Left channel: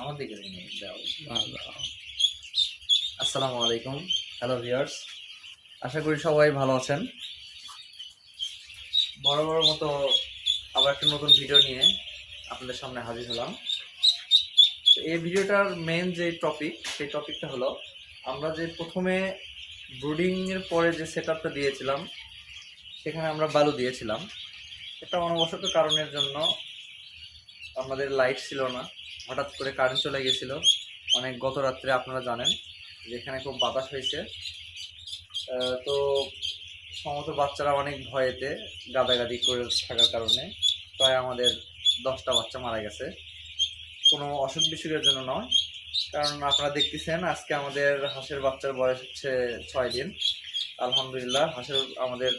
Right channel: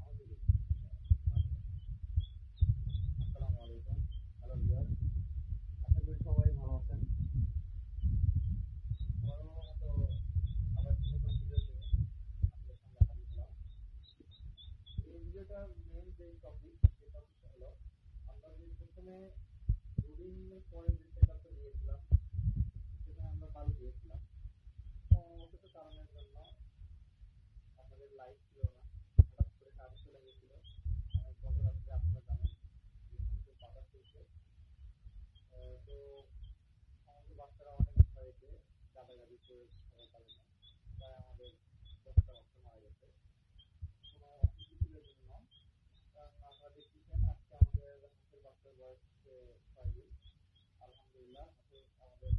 আমার দিকে নিয়ে যাও। আসসালামু আলাইকুম, হ্যালো ভিউয়ার্স, আশা করি সবাই ভালো আছেন। বরাবর মতো আবার একটা নতুন ভিডিও নিয়ে আপনাদের সামনে হাজির হলাম। তো এই ভিডিওটার মেন যে টপিক, সেই টপিকটা হলো আমরা যে প্রথমে ব্রুডিংয়ের পরে যে সেট আপটা দিয়েছিলাম, সেখানে আমরা বালু দিয়েছিলাম। একটা অনবশত কারণের জন্য আমাদের লাইট ছিল না, হঠাৎ করে কারেন্ট চলে গেছিল অনেক গত রাত্রে। আপনারা জানেন যেখানে খুব বাতাস হয়েছে, তো সমস্ত বাচ্চারা অনেক ভয়েতে গাদাগাদি করে থাকার কারণে প্রায় আমাদের 10টা বাচ্চা মারা গেছে। কোনো অসুখ বিসুখের জন্য নয়, কারণ আপনারা দেখতেছেন আজকে আমাদের হাঁসের বাচ্চার বয়স হচ্ছে 6 দিন। আলহামদুলিল্লাহ হাঁসের আমাদের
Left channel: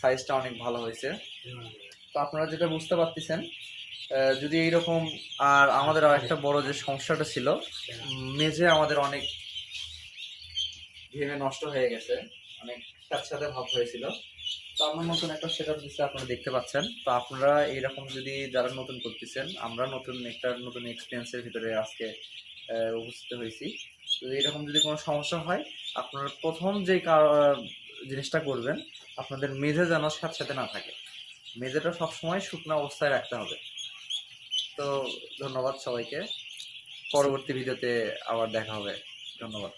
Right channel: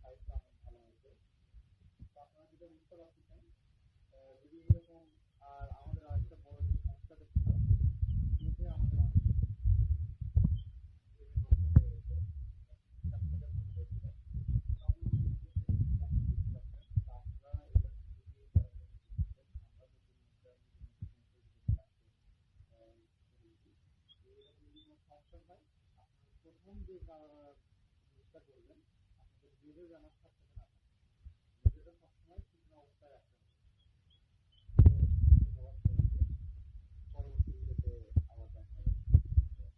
সাইজটা অনেক ভালো হয়েছে। তো আপনারা যেটা বুঝতে পারতেছেন, যদি এইরকম, আর আমাদের আর একটা বড় যে সমস্যাটা ছিল, মেঝে আমাদের অনেক ভেঙে নষ্ট হয়ে গেছে, অনেক সাথে ভাব হয়েছিল। তো আমরা নতুন একটা সেট আপ দিচ্ছি, আপনারা দেখতে পাচ্ছেন। তো আপনারা এইরকম যদি যারা নতুন করতেছেন, আমরা নতুন এক্সপিরিয়েন্সের ভিতরে আজকে উপস্থিত হয়েছি। তো এরকম যদি কোনো সমস্যা হয়, আপনারা প্রথম যে জিনিসটা করবেন, আপনাদের মেঝে যেন সাথে না থাকে। মেঝেটা সবসময় শুকনো অবস্থায় রাখতে হবে। তো ধন্যবাদ সবাইকে, পরবর্তী ভিডিওতে আবার দেখা হবে। ধন্যবাদ।